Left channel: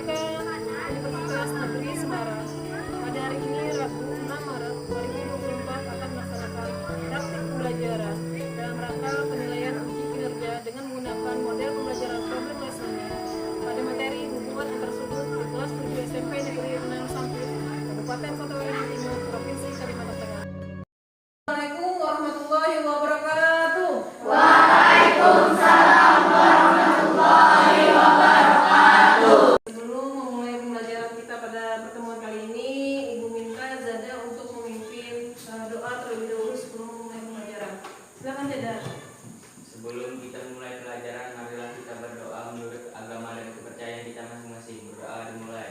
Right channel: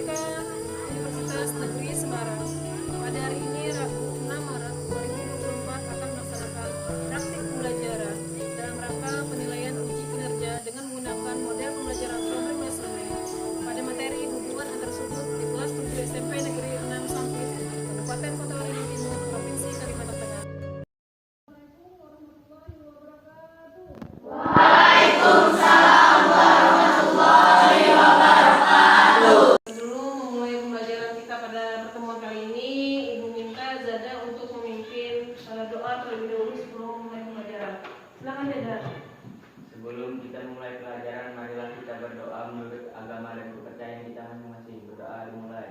IPK Universitas Negeri Semarang. Pada hari ini Rabu 6 Maret 2024 akan melaksanakan praktik pembelajaran dalam rangka penilaian uji kinerja dengan menggunakan model pembelajaran problem listening pada materi hubungan antar sudut di kelas 7 SMP Negeri 6 Sampit, Kabupaten Kota Waringin Timur, Provinsi Kalimantan Tengah. Assalamualaikum warahmatullahi wabarakatuh. Waalaikumsalam warahmatullahi wabarakatuh. Sebelum memulai pembelajaran kita pada pertemuan kali ini, Ibu minta Zada untuk memimpin doa terlebih dahulu sebelum memulai pembelajaran. Silakan Zada. Sebelum kita memulai pelajaran, marilah kita berdoa menurut agama dan kepercayaan kita masing-masing. Berdoa dimulai.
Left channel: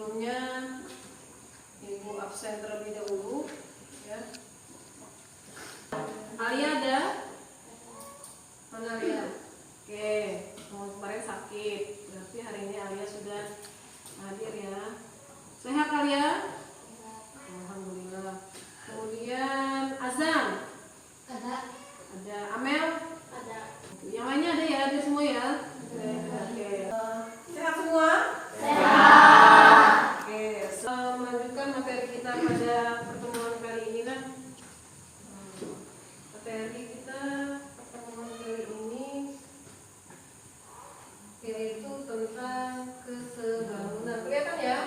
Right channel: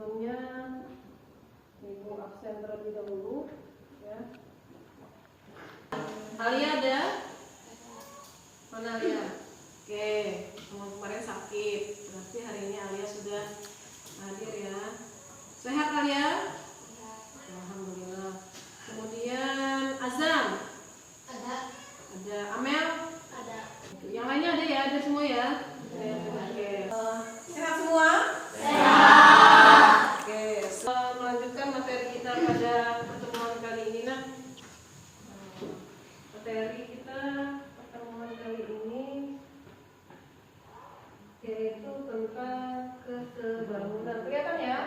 Sebelumnya Ibu absen terlebih dahulu ya. Alia ada? Mana Alia? Oke, kemarin sakit, berarti hari ini Alia sudah hadir ya. Sehat Alia? Alhamdulillah. Kemudian Azam? Ada. Ada. Amel? Ada. Yang lainnya ada ya? Ada semua ya? Oke. Sehat semua? Oke, melanjutkan materi kita pada pertemuan kali ini. Materi kita pertemuan kali ini yaitu tentang kesebangunan. Kelihatan ya?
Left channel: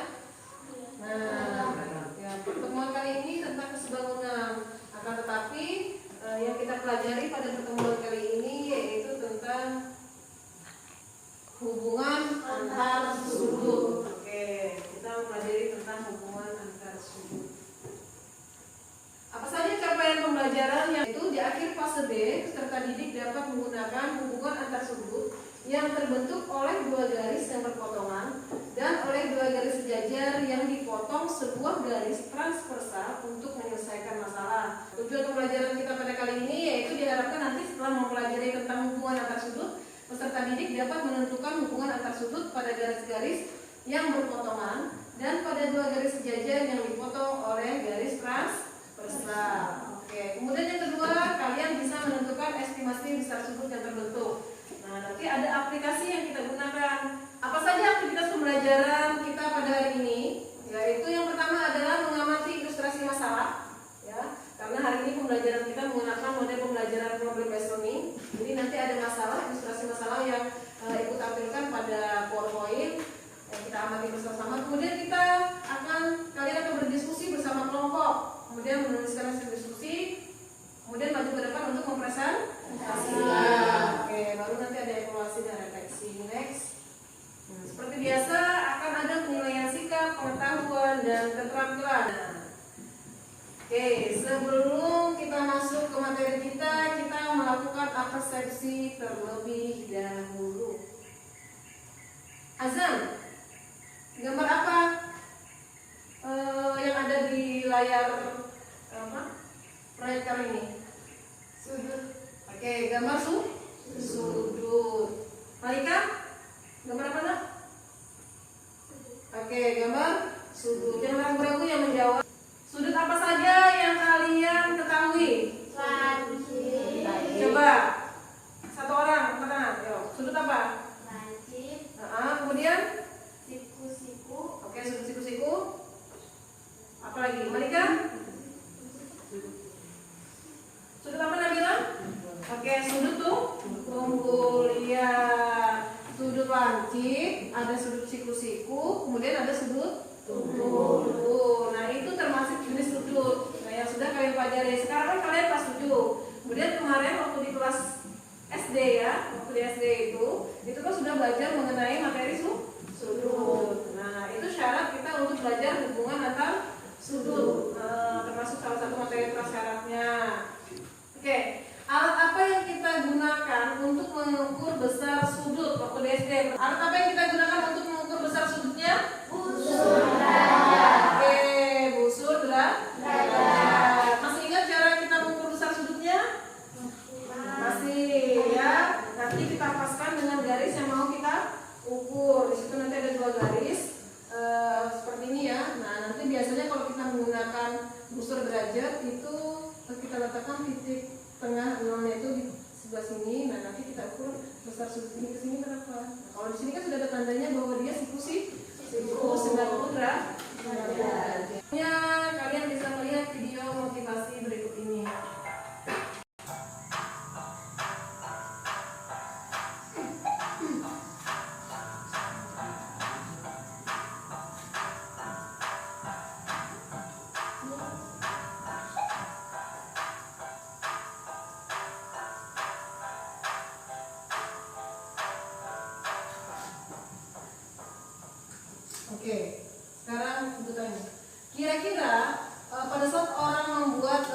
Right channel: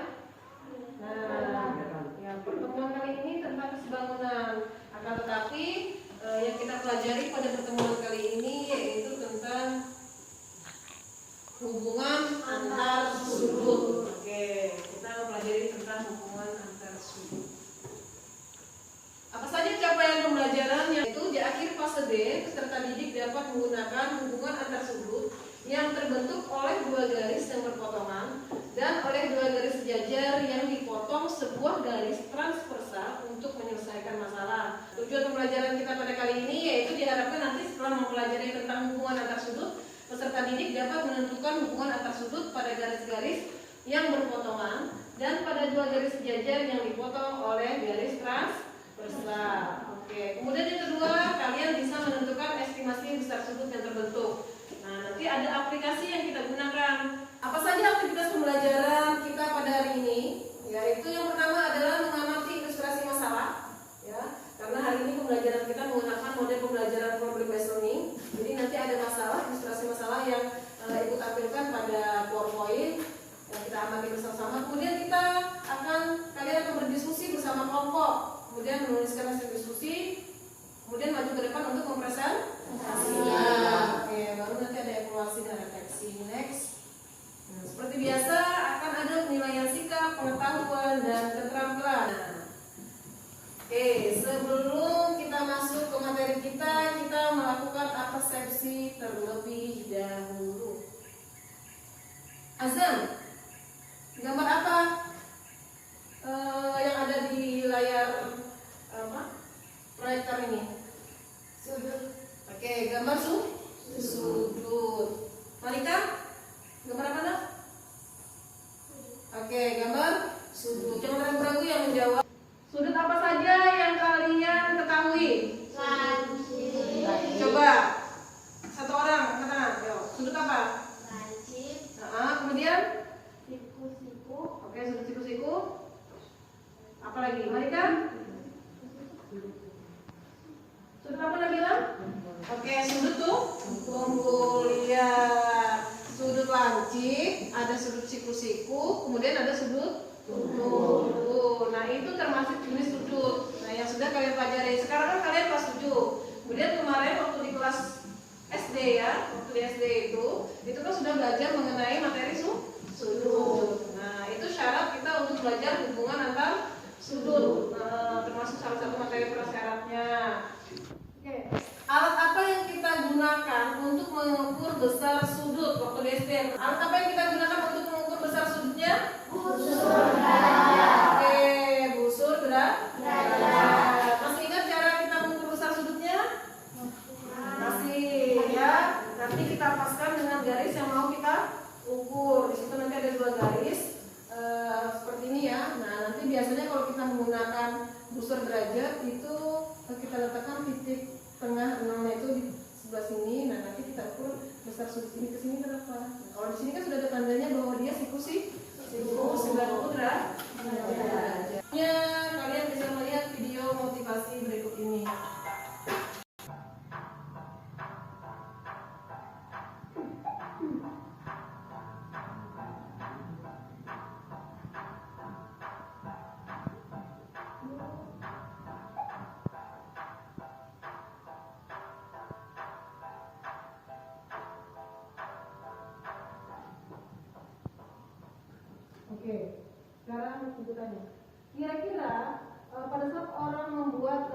Nah, ya, pertemuan kali ini tentang kesebangunan. Akan tetapi yang kita pelajari pada pertemuan kali ini yaitu tentang hubungan antar sudut. Oke, kita mempelajari tentang hubungan antar sudut. Apa saja capaian pembelajaran yaitu di akhir fase D, peserta didik dapat menggunakan hubungan antar sudut yang terbentuk oleh dua garis yang berpotongan dan oleh dua garis sejajar yang dipotong sebuah garis transversal untuk menyelesaikan masalah. Tujuan pembelajaran kita pada kali ini yaitu diharapkan nanti setelah mempelajari tentang hubungan antar sudut, peserta didik dapat menentukan hubungan antar sudut pada garis-garis yang berpotongan dan pada dua garis sejajar yang dipotong oleh garis transversal. Oke, kemudian yang kedua, kalian bisa menentukan estimasi besar sudut yang terbentuk. Nah, nanti ada aplikasi yang kita gunakan. Apa saja aktivitas pembelajaran kita pada hari ini? Yaitu yang pertama adalah mengamati ilustrasi masalah, ya. Karena hari ini pembelajaran kita menggunakan model pembelajaran problem based learning. Jadi nanti ada masalah, ilustrasi masalah yang Ibu tampilkan pada PowerPoint yang kita amati bersama-sama. Kemudian kalian akan berdiskusi bersama kelompok. Kemudian menuliskan hasil diskusi. Kemudian maju ke depan untuk mempresentasikan. Oke, baru nanti ada evaluasi dan refleksi. Next. Nah, seperti biasa akan ada penilaian sikap, pengetahuan dan keterampilan. Oke, sebelum kita masuk ke materi kita melakukan persepsi terlebih dahulu. Azam, gambar apa yang ada di layar proyektor ini? Sudut. Oke, gambar sudut. Malika, gambar apa nak? Oke, gambar sudut. Jangan ragu-ragu yang menjawab. Sudut apa saja yang kalian ketahui? Lancip. Coba satu orang angkat tangan. Yo, sudut apa? Lancip. Kemudian? Siku-siku. Oke, sudut siku-siku. Apa lagi? Malika? Sudut apa Nabila? Oke, sudut tunggul. Iya. Sudut lancip, ada sudut siku-siku, kemudian ada sudut tunggul. Nah, itu termasuk jenis sudut. Nah, yang sudah kalian pelajari. Sekarang kan kalian kelas 7. Kemudian kemarin waktu di kelas SD ya, waktu di SD itu kan sudah belajar mengenai materi sudut. Nah, itu syarat kita untuk belajar hubungan antar sudut. Termasuk salah satu materi prasyaratnya. Oke, alat apa yang kita gunakan untuk mengukur besar sudut waktu di SD? Alat apa yang kita gunakan? Oke, sekarang ibu tanya. Kira-kira pada saat orang membuat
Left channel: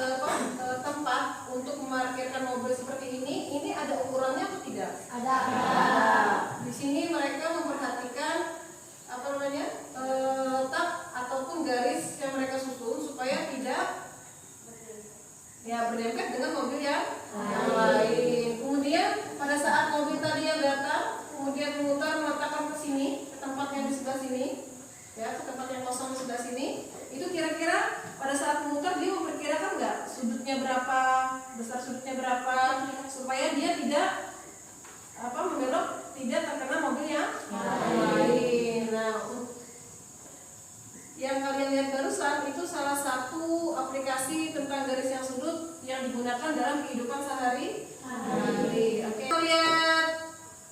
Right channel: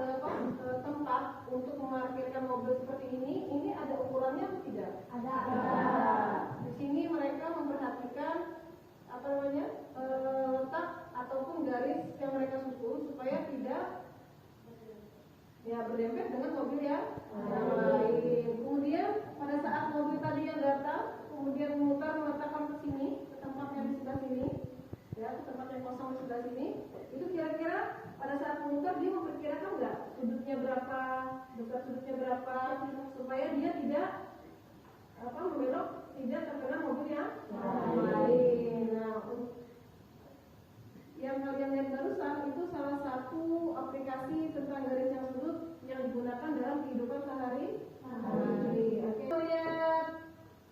tempat untuk memarkirkan mobil seperti ini ada ukurannya atau tidak? Ada. Di sini mereka memperhatikan apa namanya letak ataupun garis yang mereka susun supaya tidak ya berdempet dengan mobil yang lain. Kemudian pada saat mobil tadi yang datang, kemudian memutar meletakkan ke sini, ke tempat yang di sebelah sini, ya ke tempat yang kosong di sebelah sini. Itu kira-kira pada saat memutar dia memperkirakan nggak sudutnya berapa, besar sudutnya berapa, supaya dia tidak membelok, tidak terkena mobil yang lain. Nah, yang kalian lihat barusan itu salah satu aplikasi tentang garis yang sudut yang digunakan dalam kehidupan sehari-hari. Oke. Lihat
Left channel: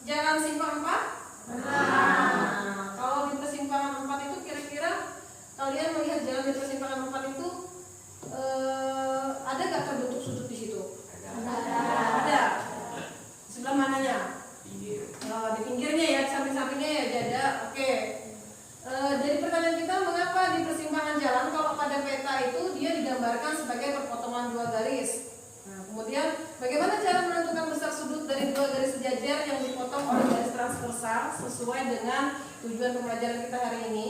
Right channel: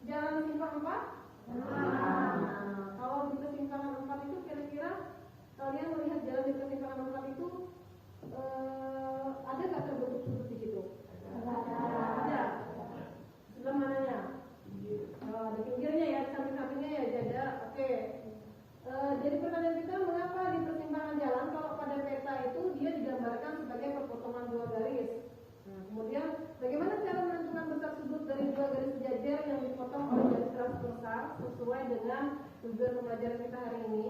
jalan simpang 4. Nah, kalau di persimpangan 4 itu kira-kira kalian melihat jalan di persimpangan 4 itu ada nggak terbentuk sudut di situ? Ada. Sebelah mananya? Di pinggirnya ya, samping-sampingnya ya ada. Oke. Jadi pertanyaan kita, mengapa di persimpangan jalan kalau pada peta itu dia digambarkan sebagai perpotongan dua garis? Nah, kemudian bagaimana cara menentukan besar sudut dari dua garis sejajar yang dipotong oleh garis transversal sesuai dengan tujuan pembelajaran kita hari ini?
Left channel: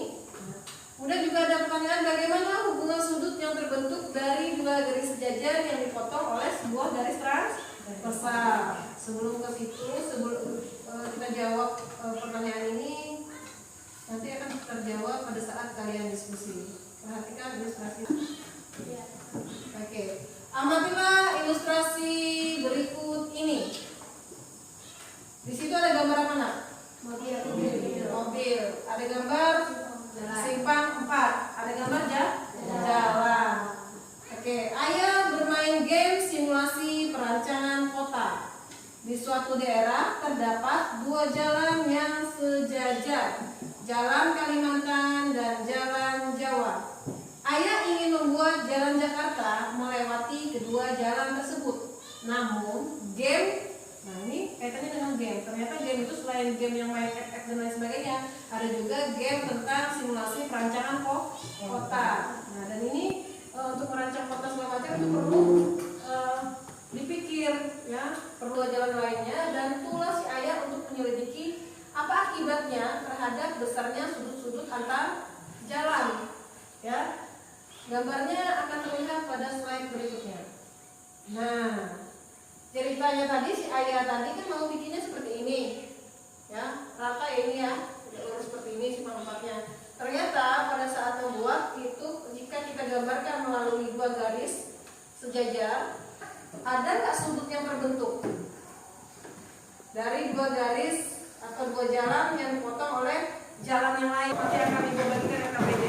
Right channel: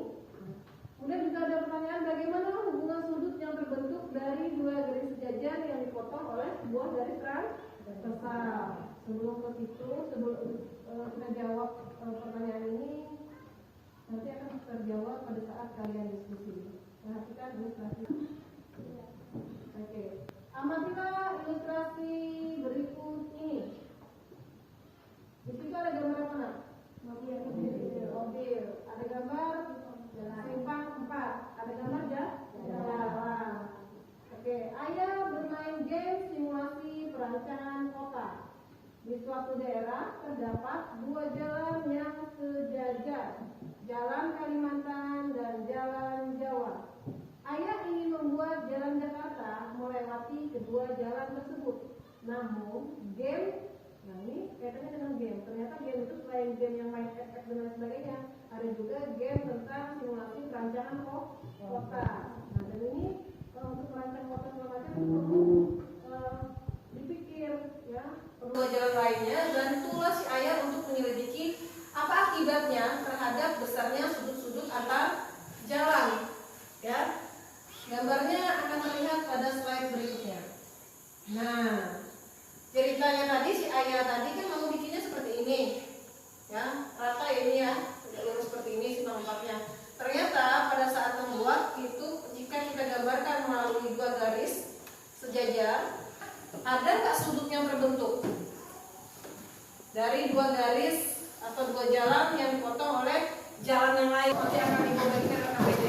Kemudian juga ada pertanyaan, bagaimana hubungan sudut yang terbentuk dari dua garis sejajar yang dipotong oleh sebuah garis transversal? Sebelum ke situ, kita jawab pertanyaan ini, nanti akan terjawab pada saat kalian diskusi. Perhatikan ilustrasi. Oke. Amatilah ilustrasi berikut ini. Di situ ada gambar apa nak? Mobil. Ada gambar simpang 4. Ada gambar jalan. Oke. Ayah bermain game simulasi perancangan kota. Di suatu daerah terdapat dua jalan yang sejajar, Jalan Kalimantan dan Jalan Jawa. Ayah ingin membuat Jalan Jakarta melewati kedua jalan tersebut. Namun game, nah ini kaitannya dengan game. Ternyata game itu selain game yang main FF dan lain sebagainya, ada juga game tentang simulasi perancangan kota. Nah dan ini untuk merancang kota segala macam itu perlu dipikir, ya, perlu jalan lainnya, dan itulah si ayah untuk menyelidiki apa akibatnya terhadap besarnya sudut-sudut antar jalan. Ya, gambarnya akan terlihat pada slide berikutnya. Nah, ceritanya tadi si ayah tadi kan mau bikinnya seperti ini, ya, rata ini ya, lurus seperti ini simpang 4-nya. Ternyata pada saat membuat itu, jika kita gambarkan melalui dua garis sejajar, ada nggak sudut yang terbentuk dari dua garis atau dua jalan yang dipotong oleh jalan yang lain? Oke, akan dibagikan KPD.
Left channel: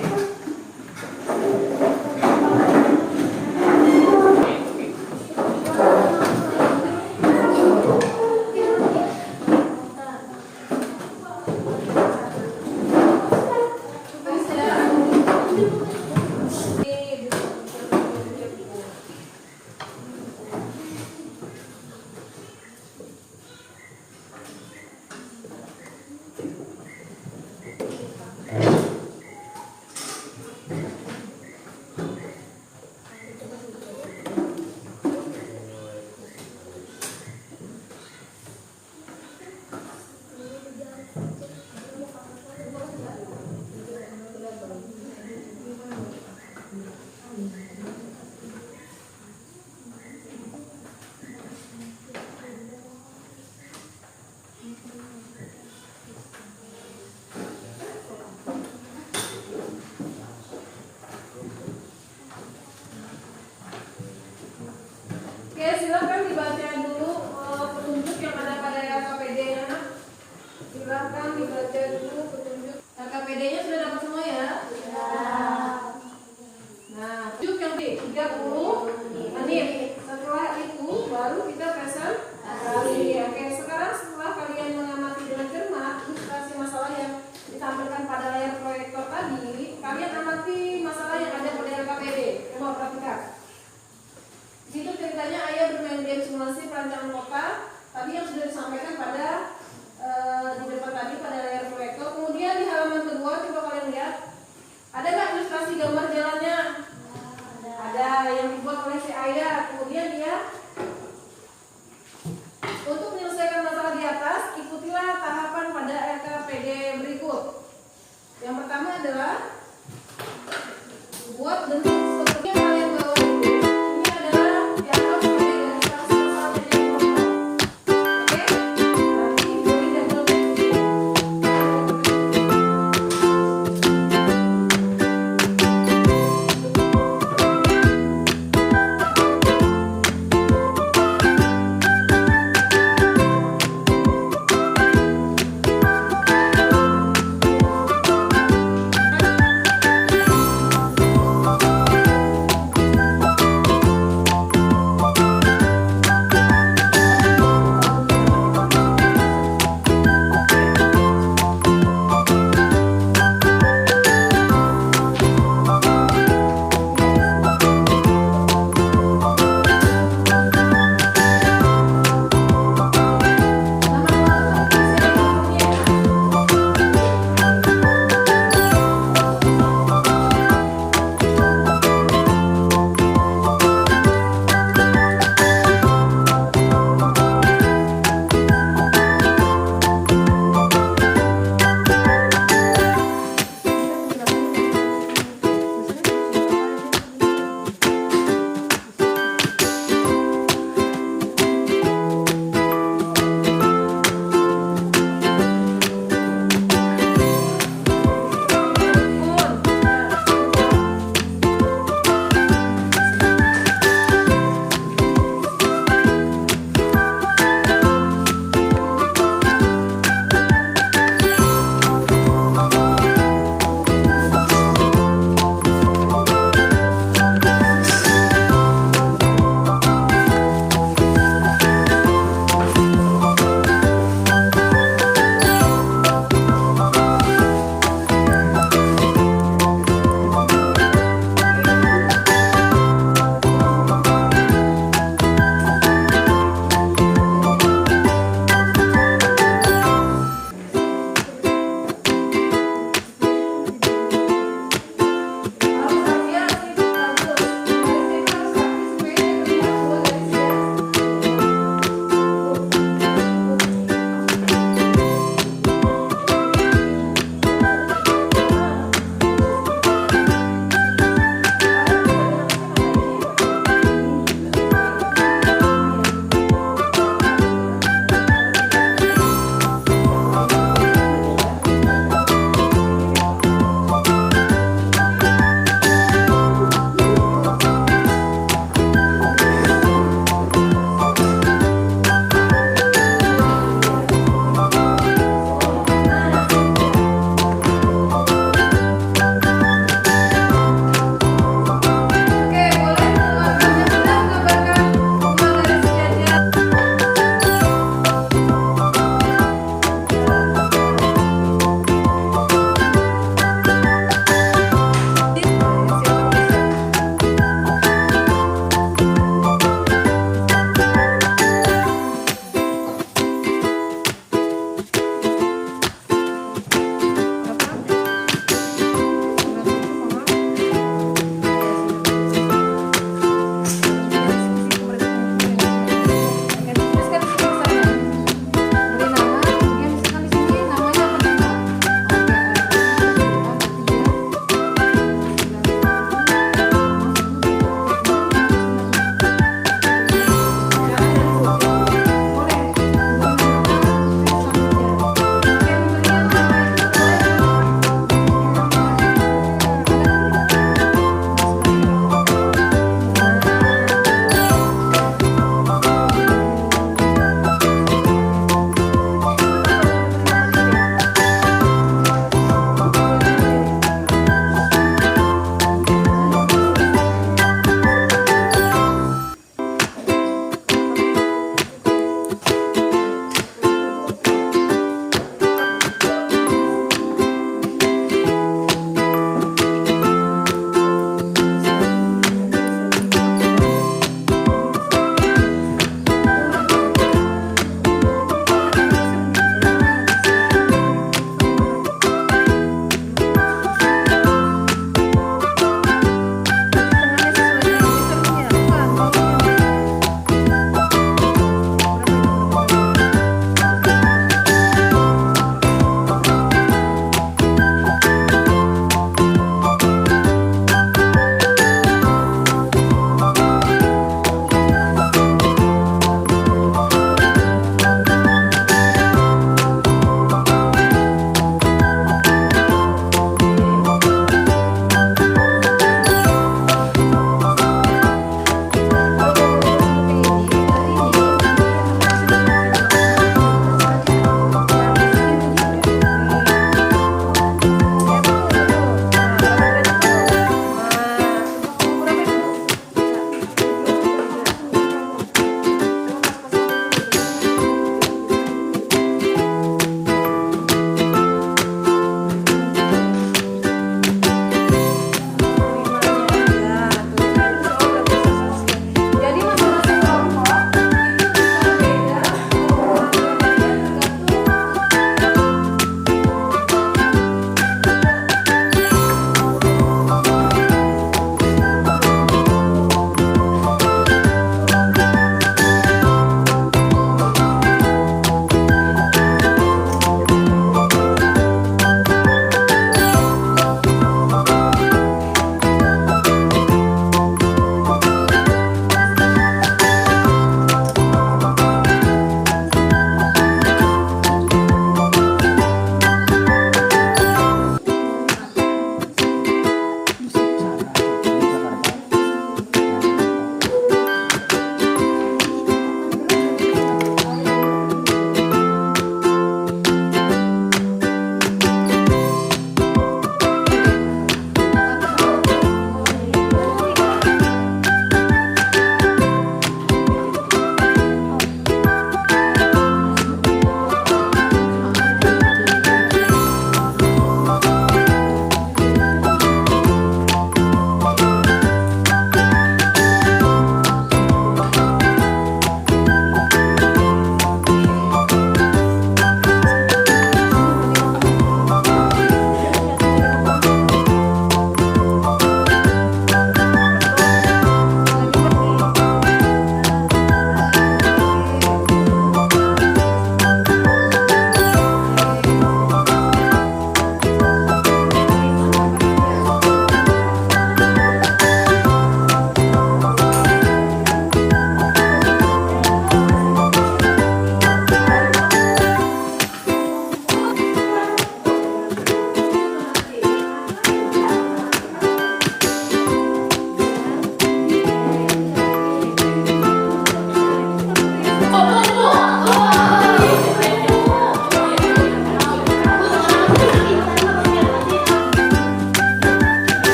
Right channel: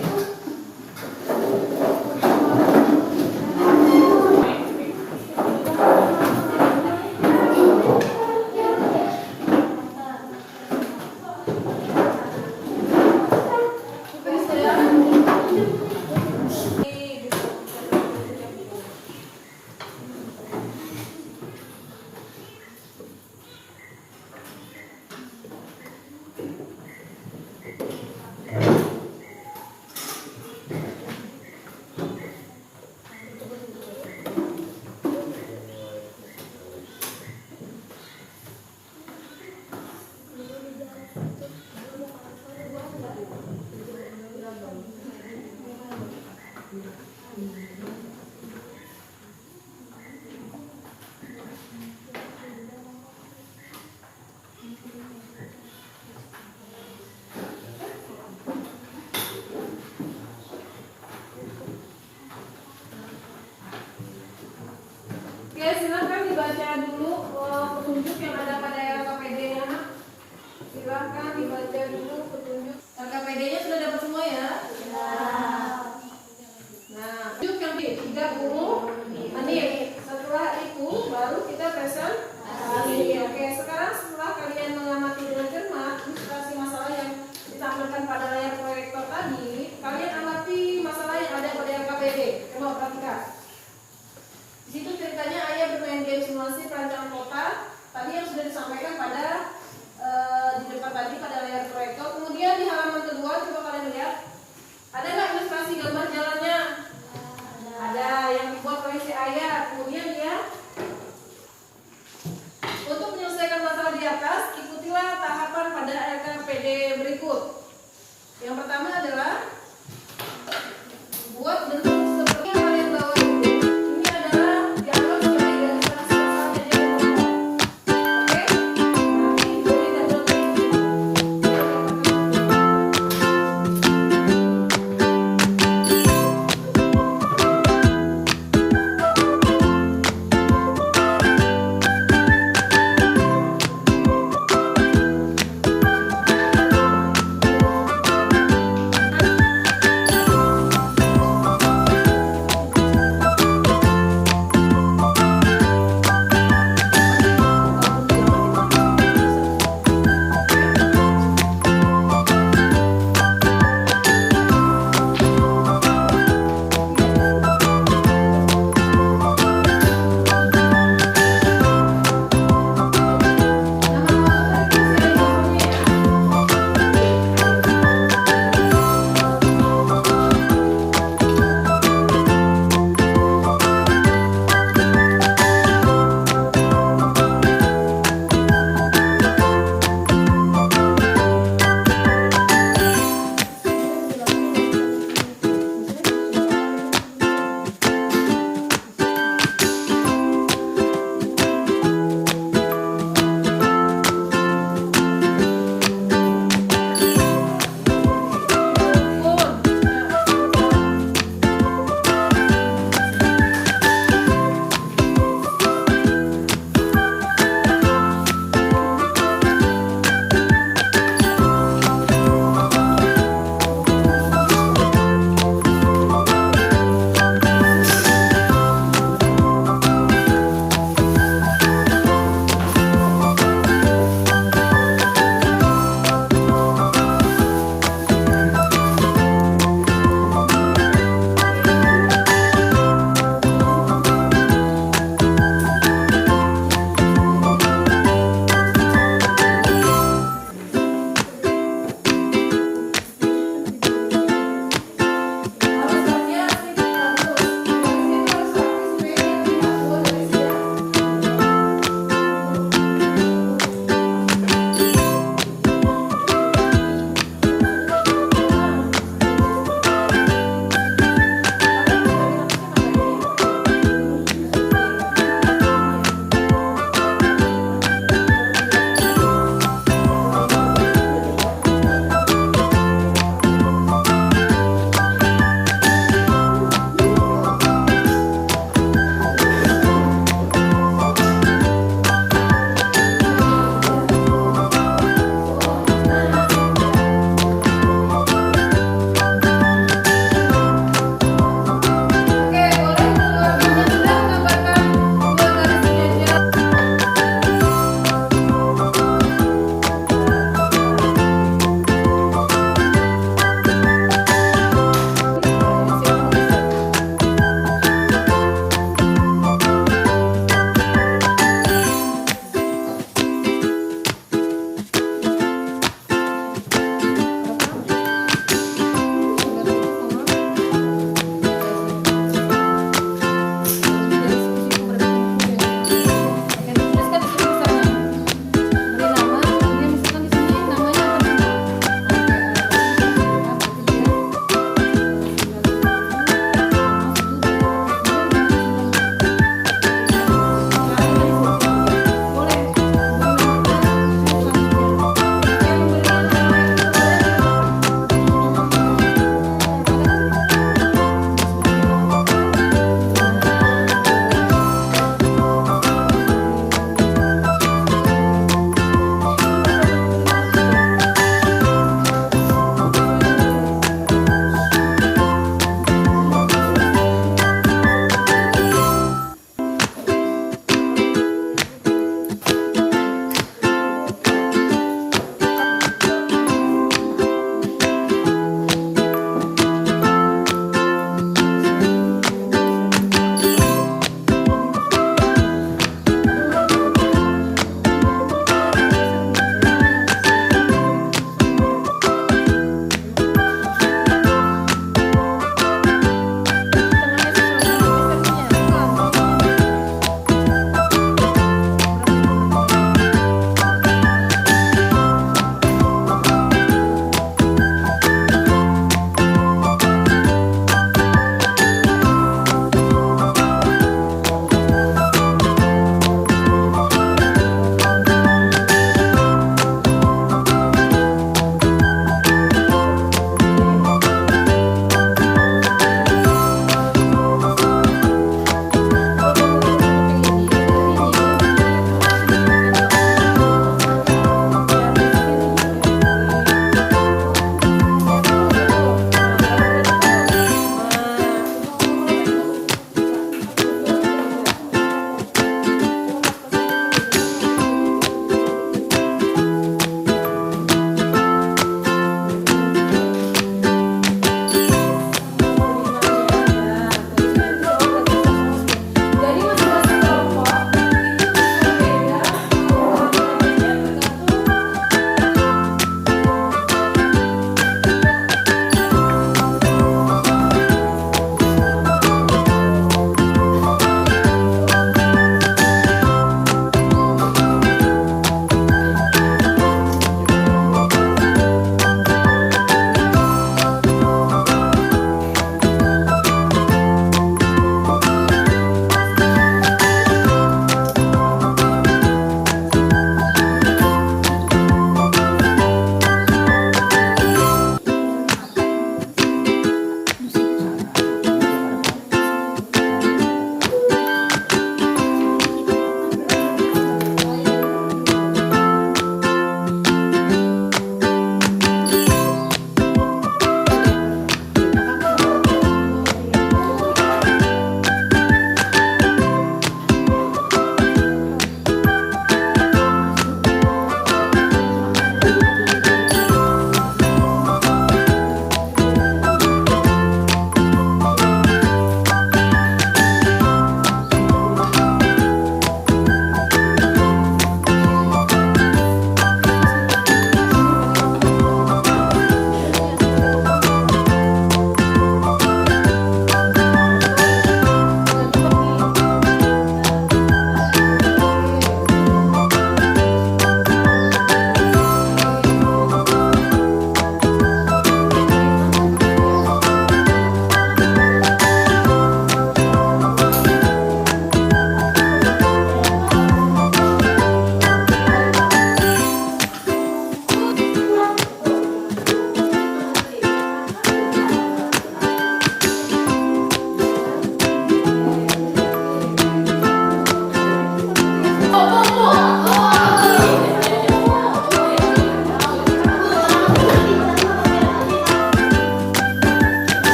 Oke, silakan dibaca dulu petunjuk yang ada pada KPD-nya. Silakan dibaca dulu petunjuk. KPD-nya sudah dapat semua ya? Nah, petunjuk yang di 30 menit. Setelah itu baru kita presentasi. Oke, sekarang setelah kalian mengamati dengan cermat ilustrasi masalah yang ditampilkan pada layar proyektor tadi, kalian amati masalah yang ada pada KPD. Coba perhatikan. Di situ ceritanya ayah bermain game simulasi perancangan kota. Tadi yang sudah disampaikan pada di depan tadi pada layar proyektor. Kemudian di halaman kedua coba kalian lihat. Ada nggak ilustrasi gambar jalannya? Ada yang dibuat oleh si Ayah. Kemudian dia untuk menyelesaikan masalah di atas, ikutilah tahapan pada RKPD berikut. Yang pertama adalah buat bentuk seperti yang kalian bawa itu. Ini adalah dianggap sebagai ilustrasi masalah jadi kelompok. Oke? Nanti jadi double tick.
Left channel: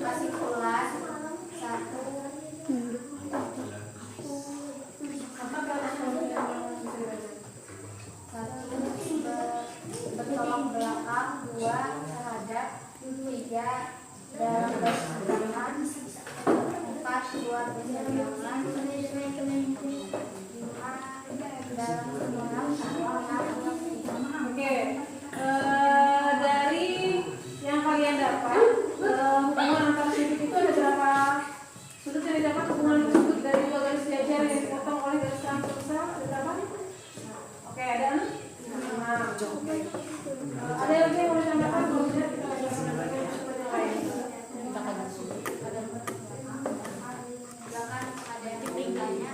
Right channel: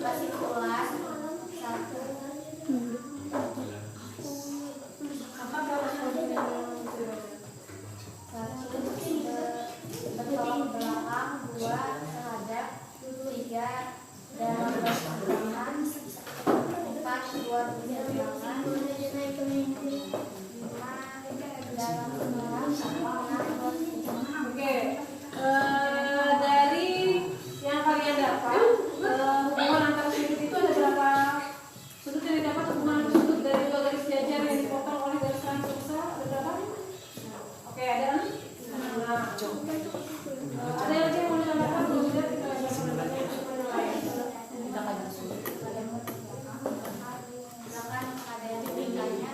Fasikulas 1. Bertolak belakang 2 terhadap 3 dalam berseberangan 4 buat berseberangan 5 dalam berseberangan. Oke, dari yang kalian dapat hubungan antar sudut itu ada berapa sudut yang didapat? Hubungan sudut dari dua garis jajar yang dipotong oleh garis transversal ada berapa? Oke, ada 6. Ada yang mau ditambahkan? Belum ada? Kita lanjutkan yang lain.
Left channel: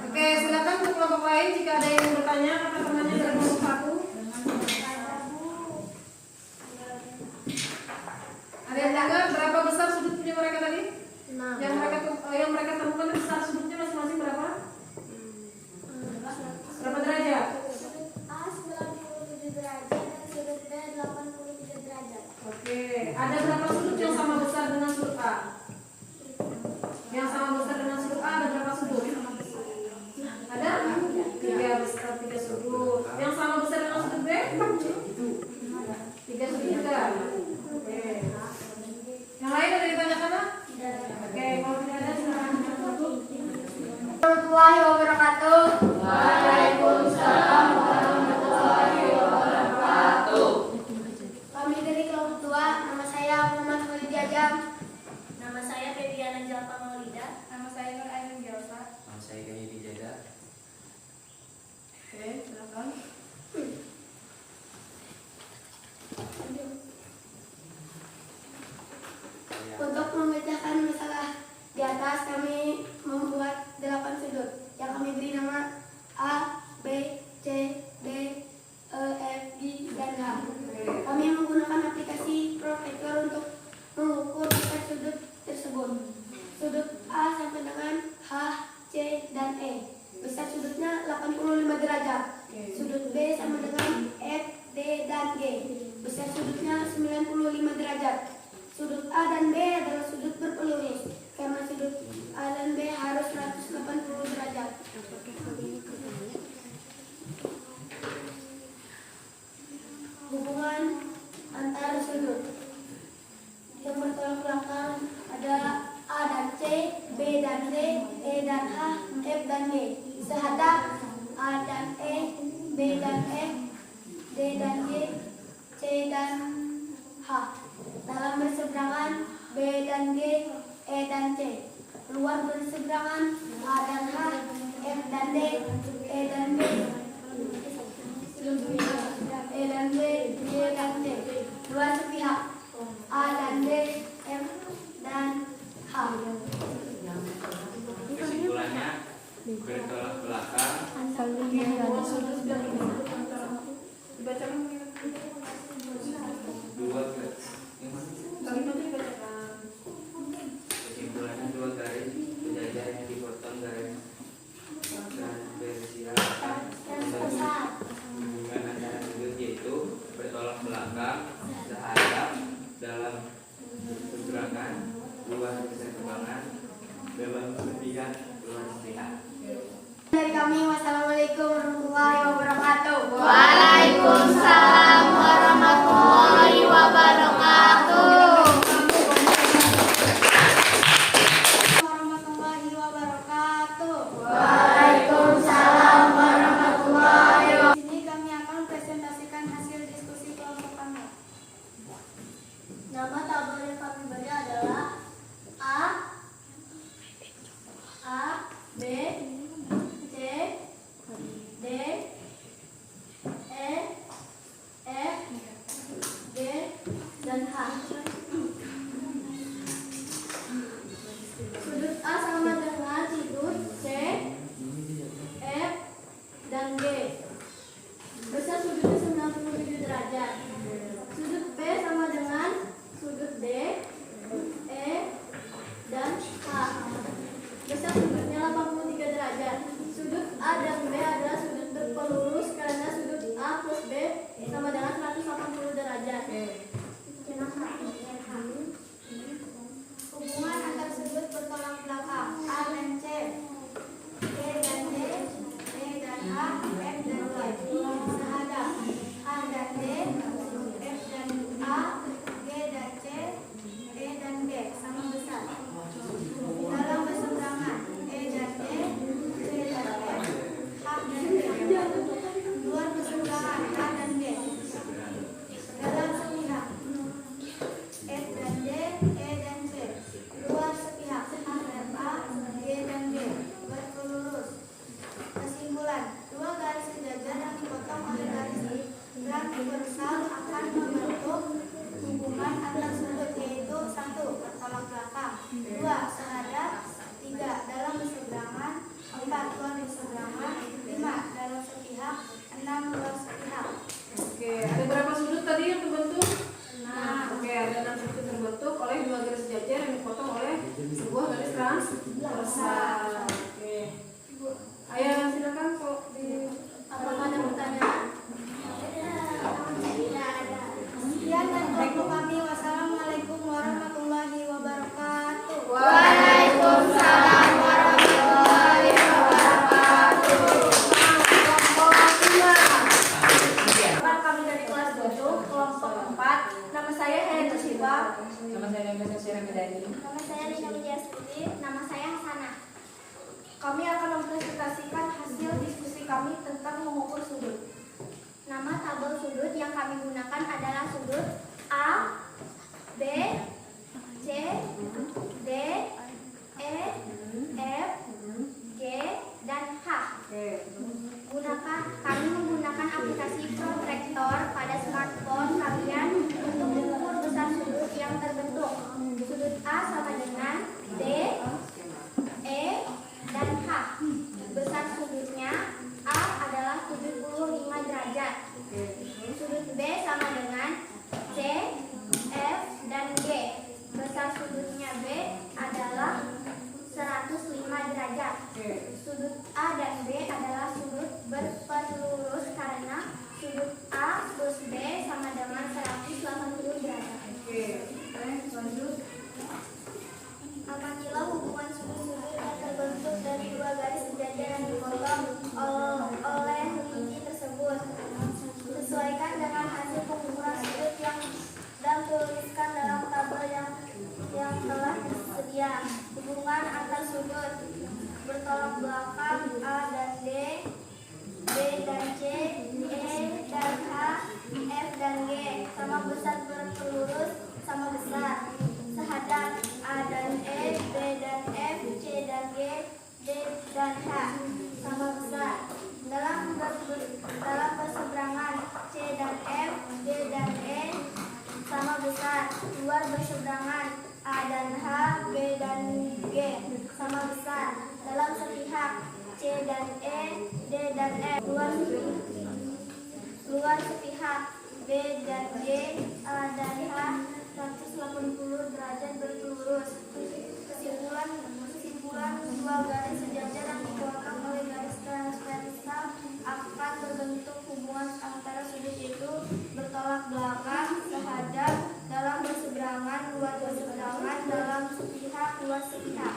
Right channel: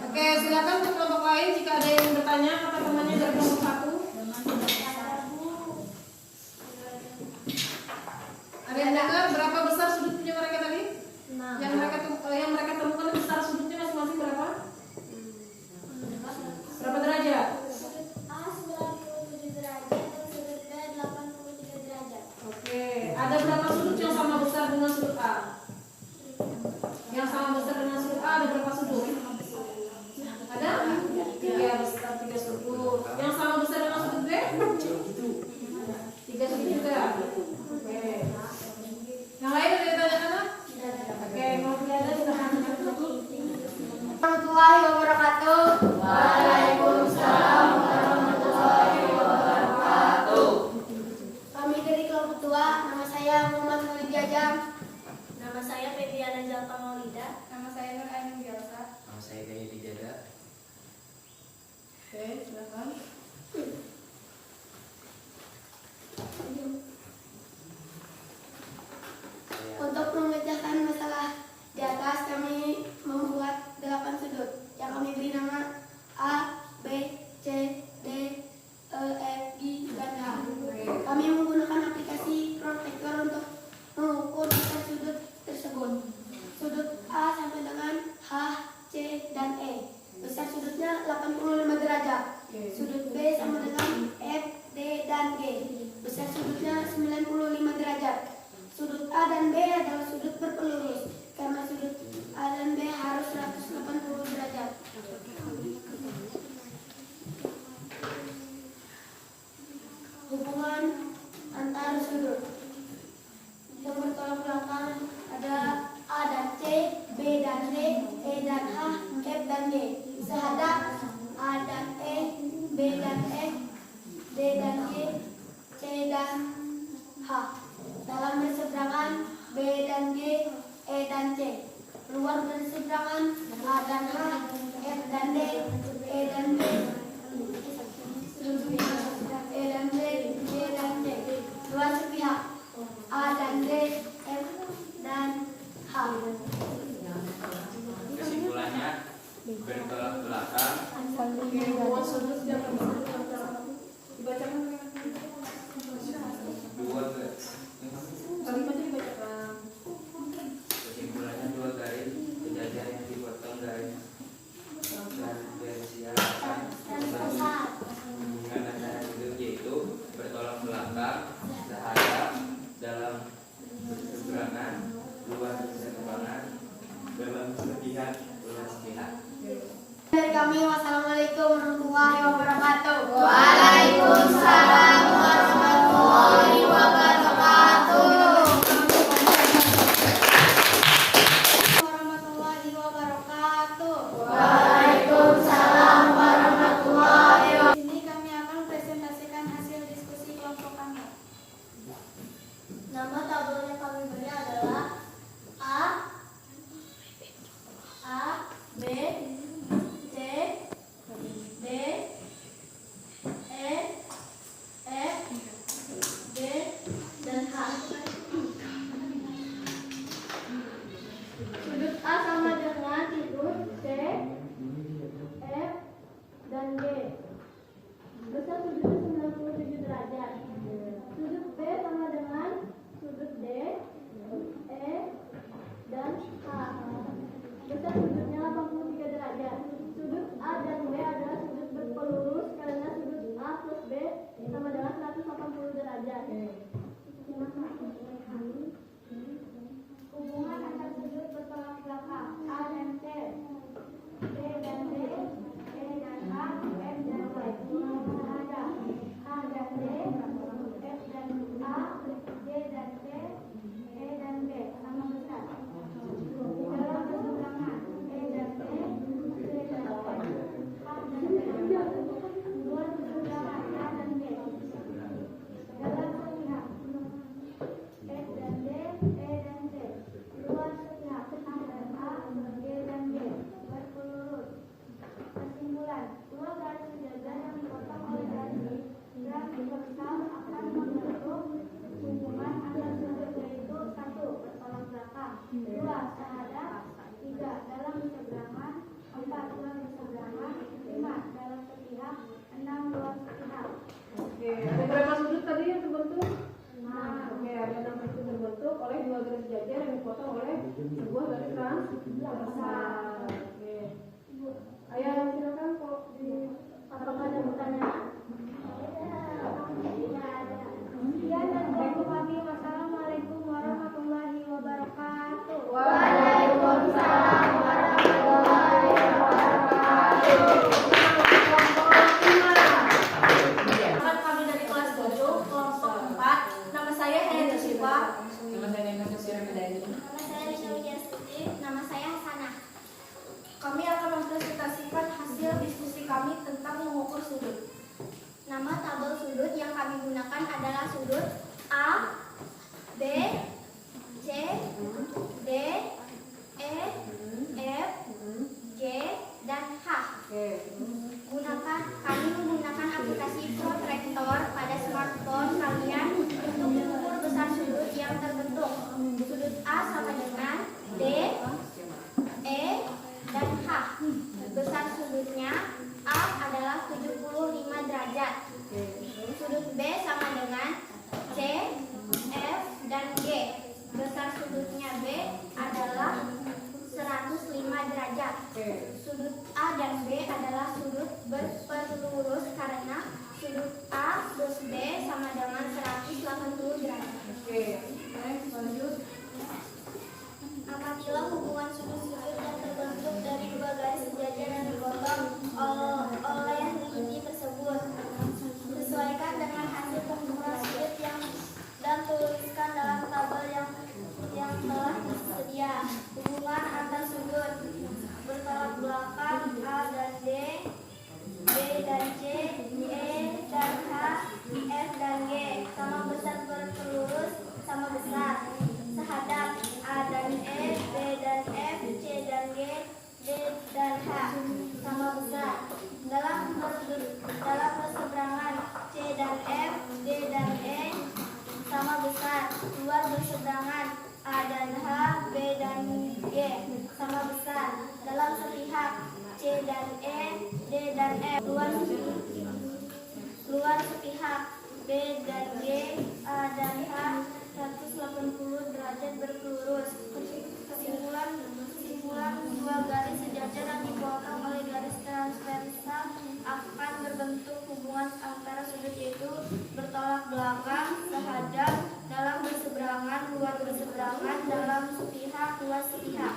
Oke, silakan untuk kelompok lain jika ada yang bertanya kata temannya dari kelompok 1. Ada yang dengar berapa besar sudutnya mereka tadi? Yang mereka temukan besar sudutnya masing-masing berapa? Berapa derajat? Sudut A 97 derajat dan sudut B 83 derajat. Oke, ada berapa sudut yang sama besar dengan sudut A? Yang sama besar dengan sudut A ada berapa sudut? Ada? 3 besar 3 sudut. Yang sama besar dengan sudut B? 3 sudut juga. Oke. Yang lain ada yang ditanyakan? Oke, kalau tidak ada silakan tutup. Warahmatullahi wabarakatuh. Waalaikumsalam warahmatullahi wabarakatuh. Kami dari kelompok 2, nama saya Muhammad Khalid Jajam. Nama saya Febiana Jalpa Maulida. Nama saya Nur Ainun Gelsa. Nama saya Gaya Dijada. Oke, silakan. Untuk memecahkan masalah di atas, kami membuat 8 sudut yang kami beri nama A, B, C, D, E, F, G, dan H. Kami menggunakan aplikasi protektor untuk mengukur besar sudut tersebut. Sudut A sampai dengan H, C, dan E. Besar sudutnya 85 derajat. Sudut B sama dengan F, D, dan G. Besar sudutnya 95 derajat. Sudut A dan B adalah sudut berpelurus, karena sudut A dan B harus 180 derajat. Hubungan antar sudut yang bertolak belakang ada A dan C, B dan D, E dan H, F dan G. Sehadap A dan E, B dan F, D dan G, C dan H. Dalam berseberangan B dan G, E dan C. Luar berseberangan A dan H, F dan D, E dan D, E dan D, G dan C. Luar sepihak A dan D, F dan H. Kesimpulannya bertolak belakang Hubungan sudut dan sudut antara dibacakan dua ke kalimatnya dibacakan. kesimpulannya 2 garis sejajar yang dipotong garis transversial akan membentuk hubungan antara sudut, yaitu bertolak belakang, sehadap, dalam berseberangan, luar berseberangan, dalam sepihak, luar sepihak. Dari kami, wassalamualaikum warahmatullahi wabarakatuh. Waalaikumsalam warahmatullahi wabarakatuh. Warahmatullahi wabarakatuh. Waalaikumsalam warahmatullahi wabarakatuh. Di sini kami akan presentasikan hasil diskusi kelompok kami. Nama tabel yang kami beri adalah A, besar. Oke. Ayo silakan kok di Apakah ada pertanyaan? Sekian dan waktu kami. Wassalamualaikum warahmatullahi wabarakatuh. Waalaikumsalam warahmatullahi wabarakatuh. Perkenalkan, kami dari kelas 7, kelompok 4. Nama saya Helen Siva. Nama saya Nengka Sesir Bidani. Nama saya Rina Widiastuti. Nama saya Hasanah. Kami akan mempresentasikan hasil diskusi kami tentang mengukur sudut. Nama tabel sudut yang kami gunakan adalah sudut A, B, C, D, E, F, G, dan H. Kami menggunakan aplikasi Protractor pada smartphone kalian untuk mengukur besar sudut yang terbentuk. Sudut A sama dengan D, E, dan H. Besar sudutnya A adalah 75 derajat. Sudut B sama dengan C, F, dan G. Besar sudutnya B adalah 105 derajat. Sudut A dan B adalah sudut berpelurus karena sudut A plus B sama dengan 180 derajat. Apabila hubungan sudut-sudut yang terbentuk dari dua garis sejajar yang dipotong oleh lini tersebut, sesuaikan dengan hasil pengukuran sudut dan tuliskan dalam tabel yang telah tersedia. Hubungan antar sudut bertolak belakang A dan D, B dan C, E dan H, F dan G sama besar berpelurus sama besar. Sehadap A dan E, B dan F, C dan G, D dan H sama besar. Dalam berseberangan C dan F, D dan E sama besar. Luar berseberangan A dan H, B dan G sama besar. Dalam sepihak C dan E, D dan F. Luar sepihak B dan G, A dan H 180 derajat berpelurus. Kesimpulan dua garis sejajar yang dipotong oleh garis transversal akan berbentuk hubungan antara sudut itu bertolak belakang, sehadap, dalam berseberangan, luar berseberangan, dalam sepihak, luar sepihak.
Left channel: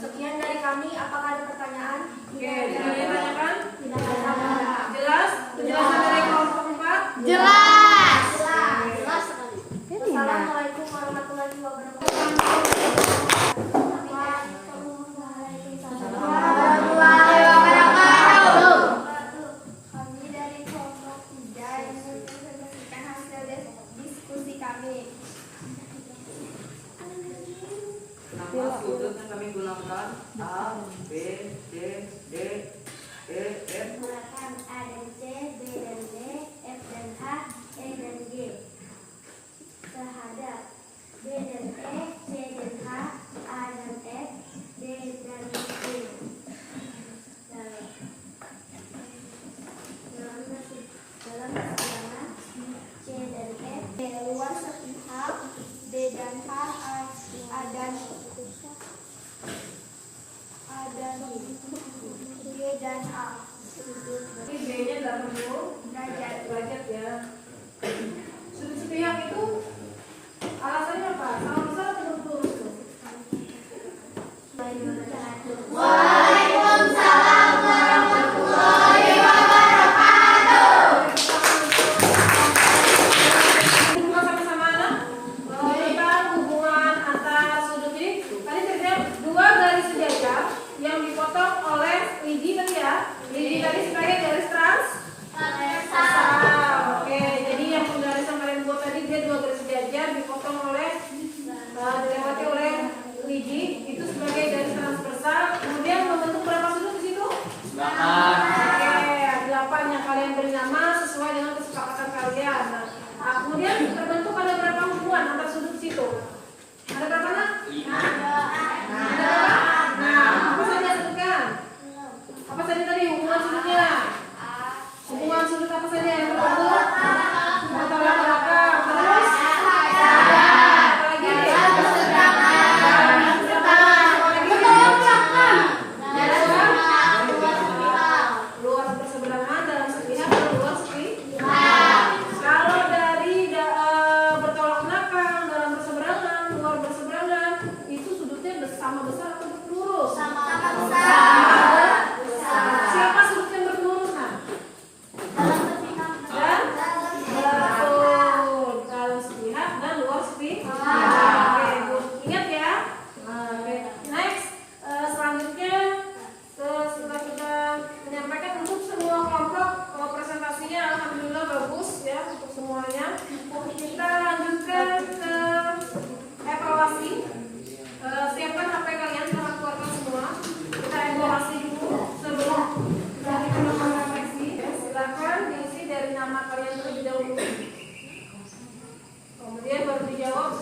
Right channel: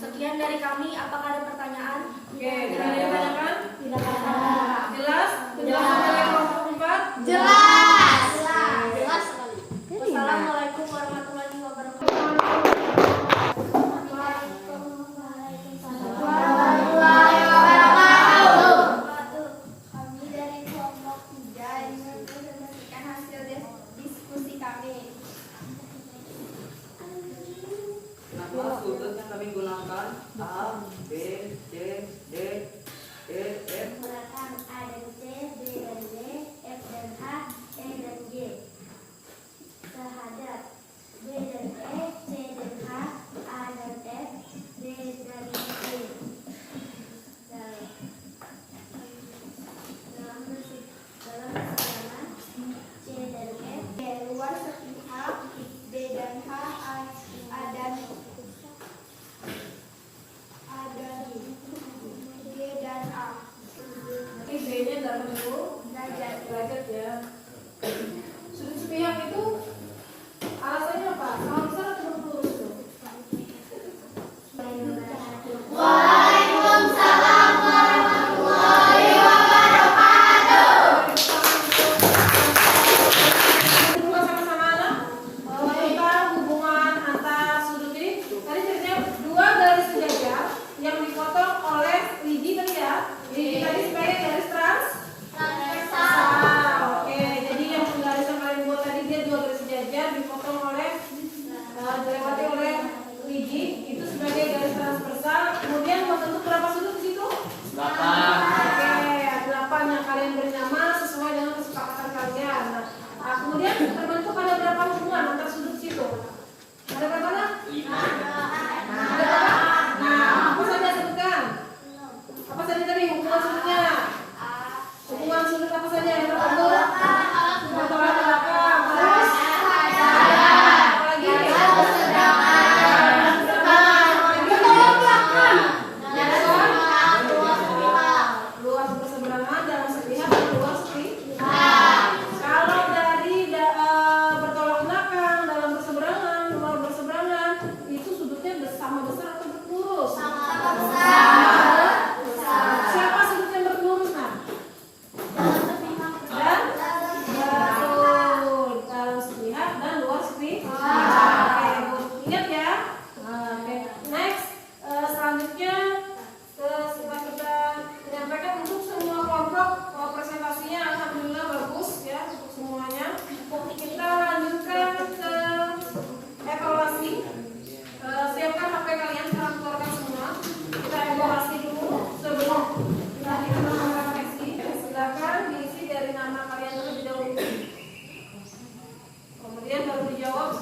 Sekian dari kami. Apakah ada pertanyaan? Oke, tidak ada tanyakan? Tidak ada. Jelas? Penjelasan dari kelompok 4? Jelas. Wassalamualaikum warahmatullahi wabarakatuh. Warahmatullahi wabarakatuh. Kami dari kelompok 3 yang mempresentasikan hasil diskusi kami. Nama sudut yang kami gunakan A, B, C, D, E, F. Menggunakan A dan C, B dan D, F dan H, E dan G. Sehadap B dan E, C dan H, A dan F, D dan G. Dalam berseberangan C dan F, luar sepihak B dan H, A dan G dan A. Ini B-nya dalam bentuk derajat ya. Sudut sepihak itu alasannya apa? Sama besar atau berpelurus tuh? Baik,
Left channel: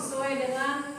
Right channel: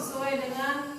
sesuai dengan